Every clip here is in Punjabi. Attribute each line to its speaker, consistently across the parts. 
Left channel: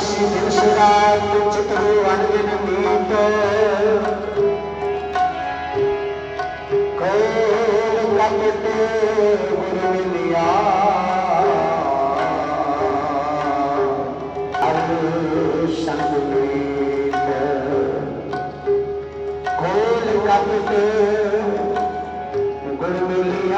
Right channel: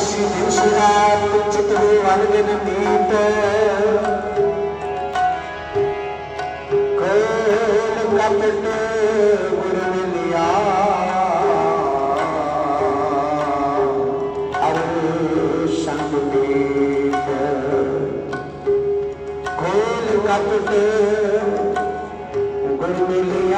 Speaker 1: ਸੀ ਦਿਵਸ ਰਾਤ ਚਿਤਵੇ ਰੰਗ ਦੇ ਨਮੀਤ ਕੋਲ ਕਪਟ ஒரு மில்லியா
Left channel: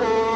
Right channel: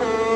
Speaker 1: Thank you.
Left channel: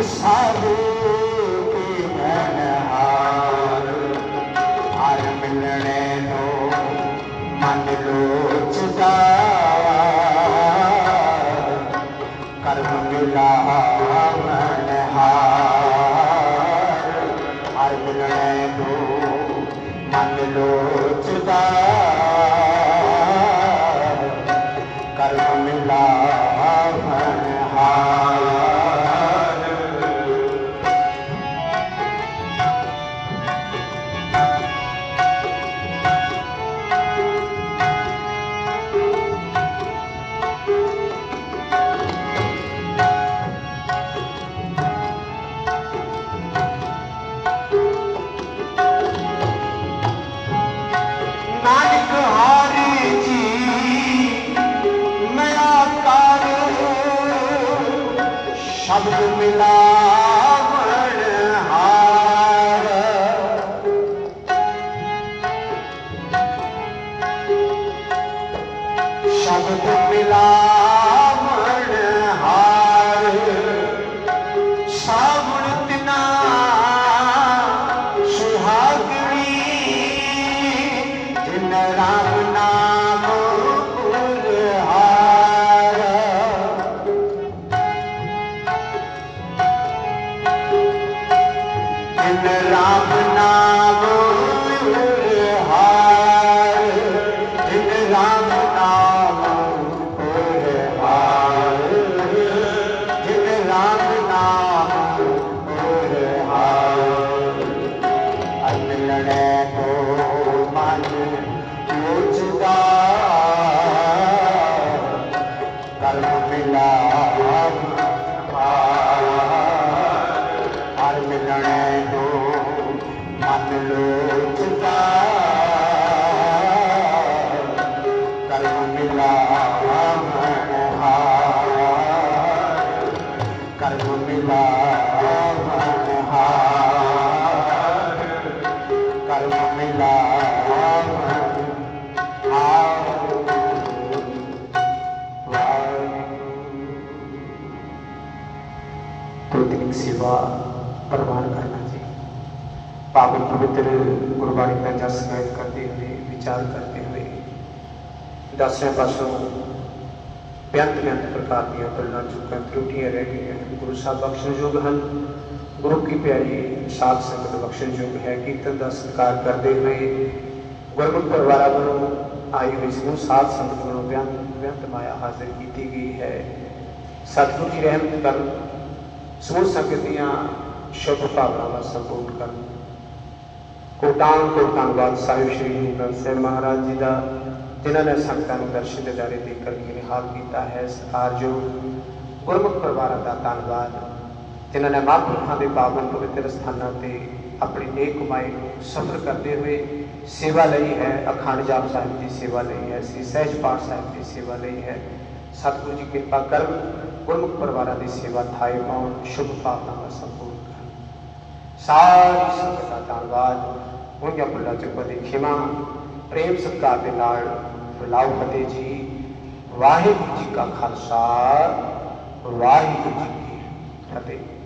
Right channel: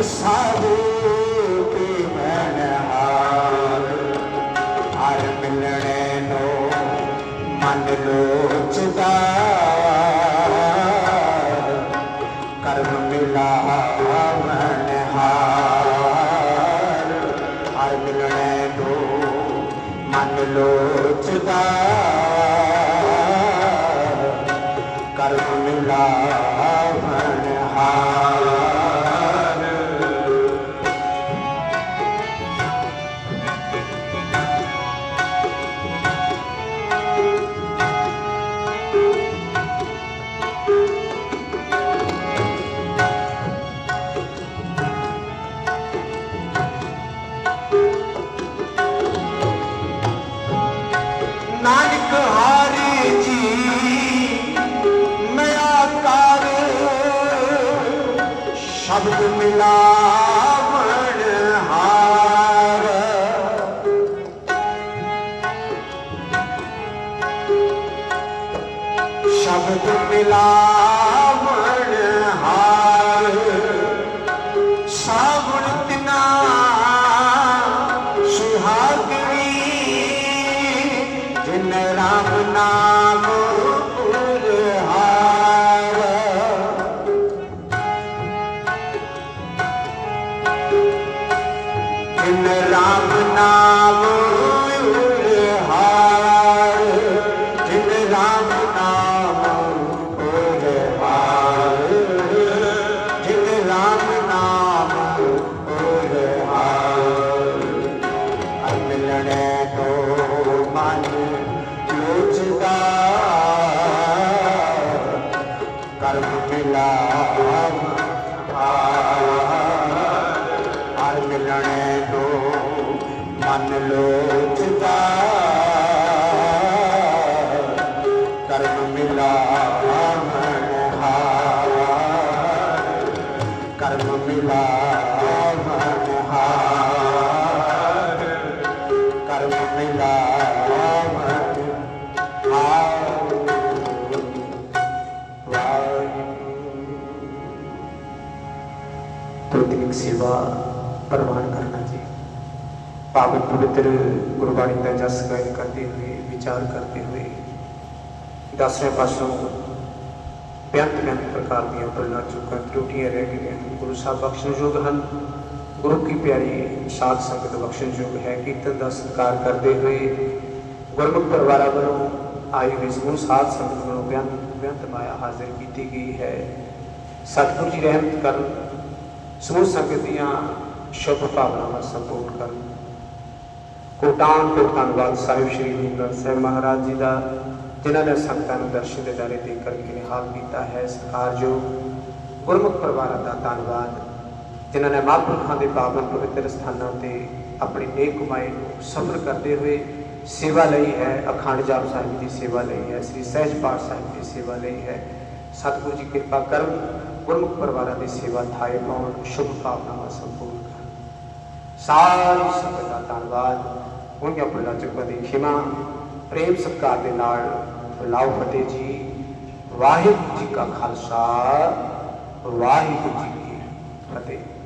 Speaker 1: this
Speaker 2: ਪ੍ਰਤਿਕ ਸੇਵਾ ਪ੍ਰਵਾਨ ਕਰਨਾ ਜੀ। ਪਾਵਨ ਪਵਿੱਤਰ ਗੁਰਬਾਣੀ ਦਾ ਜਸ ਗਾਇਨ ਕਰਦੇ ਹੋਏ, ਵਿਚਾਰ ਕਰਦੇ ਹੋਏ, ਦਸਵੇਂ ਪਾਸੋਂ ਬੇਅੰਤ ਬੇਅੰਤ ਪ੍ਰਕਾਰ ਦੀਆਂ ਭੁੱਲਾਂ ਚੁੱਕਾਂ, ਤਰੁੱਟੀਆਂ ਰਹਿ ਗਈਆਂ ਗੁਰੂ ਸਾਹਿਬ ਬਖਸ਼ਣਯੋਗ ਹਨ। ਗੁਰੂ ਕੀ ਪਿਆਰੀ ਸਾਧ ਸੰਗਤ ਬਖਸ਼ਣਯੋਗ ਹੈ। ਕੀਰਤਨ ਦਾ ਸਤਿਕਾਰ ਕਰਦੇ ਹੋਏ ਗੁਰਮੁਖ ਪਰਿਵਾਰਾਂ ਵੱਲੋਂ ਆਈ ਹੋਈ ਸਮੂਹ ਸਾਧ ਸੰਗਤ ਨੂੰ ਬੇਅੰਤ ਬੇਅੰਤ ਮਾਇਆ ਹਾਜ਼ਰ ਕੀਤੀ ਗਈ ਹੈ। ਸਤਿਗੁਰੂ ਜੀ ਰਹਿਮਤ ਕਰਨ ਸਮੂਹ ਸੰਗਤ ਦੀਆਂ ਸ਼ੁਭ ਭਾਵਨਾਵਾਂ ਸੰਪੂਰਨ ਕਰਨ। ਕੋਟਾਨ ਤੋਂ ਧੰਨਵਾਦ ਸਾਹਿਬ ਸ਼੍ਰੀ ਗੁਰੂ ਗ੍ਰੰਥ ਸਾਹਿਬ ਮਹਾਰਾਜ ਜੀ ਦਾ, ਜਿਨ੍ਹਾਂ ਨੇ ਸੰਗਤਾਂ ਨੂੰ ਦਰਸ਼ਨ ਦੇ ਦਾਰੇ ਦੇ ਕਰਕੇ ਨਿਹਾਲ ਕੀਤਾ ਹੈ ਸਤਿਕਾਰਯੋਗ ਗੁਰਮੁਖ ਪਰਿਵਾਰਾਂ ਦਾ ਧੰਨਵਾਦ। ਜਿਨ੍ਹਾਂ ਨੇ ਮਹਾਂਪੁਰਖਾਂ ਦੇ ਪਾਵਨ ਪਵਿੱਤਰ ਸਥਾਨਾਂ ਤੇ ਆਪਣੀ ਨੇਕ ਕਮਾਈ ਸਫਰ ਕਰਦੇ ਹੋਏ ਸੇਵਾ ਲਈ ਹੈ, ਅਖੰਡ ਜਾਪ ਸਾਹਿਬ ਦੀ ਸੇਵਾ ਲਈ ਹੈ, ਸ੍ਰੀ ਸਹਿਜ ਪਾਠ ਸਾਹਿਬ ਦੀ ਸੇਵਾ ਲਈ ਹੈ। ਸਤਿਗੁਰੂ ਜੀ ਕਿਰਪਾ ਕਰਨ ਗੁਰਮੁਖ ਪਰਿਵਾਰਾਂ ਦੀ ਸੇਵਾ ਥਾਏ ਪਾਉਣ ਸ਼ੁਭ ਭਾਵਨਾਵਾਂ ਸੰਪੂਰਨ ਕਰਨ ਸਾਰੀ ਸੰਗਤ ਦਾ ਧੰਨਵਾਦ ਉਹਨਾਂ ਆਪਣਾ ਚੁੱਕਾ ਦੀ ਖਿਮਾ ਪ੍ਰੇਮ ਸਤਿਕਾਰ ਦੇ ਨਾਲ ਲਾਉ ਫਤਿਹ ਜੀ ਵਾਹਿਗੁਰੂ ਜੀ ਕਾ ਖਾਲਸਾ ਵਾਹਿਗੁਰੂ ਜੀ ਕੀ ਫਤਿਹ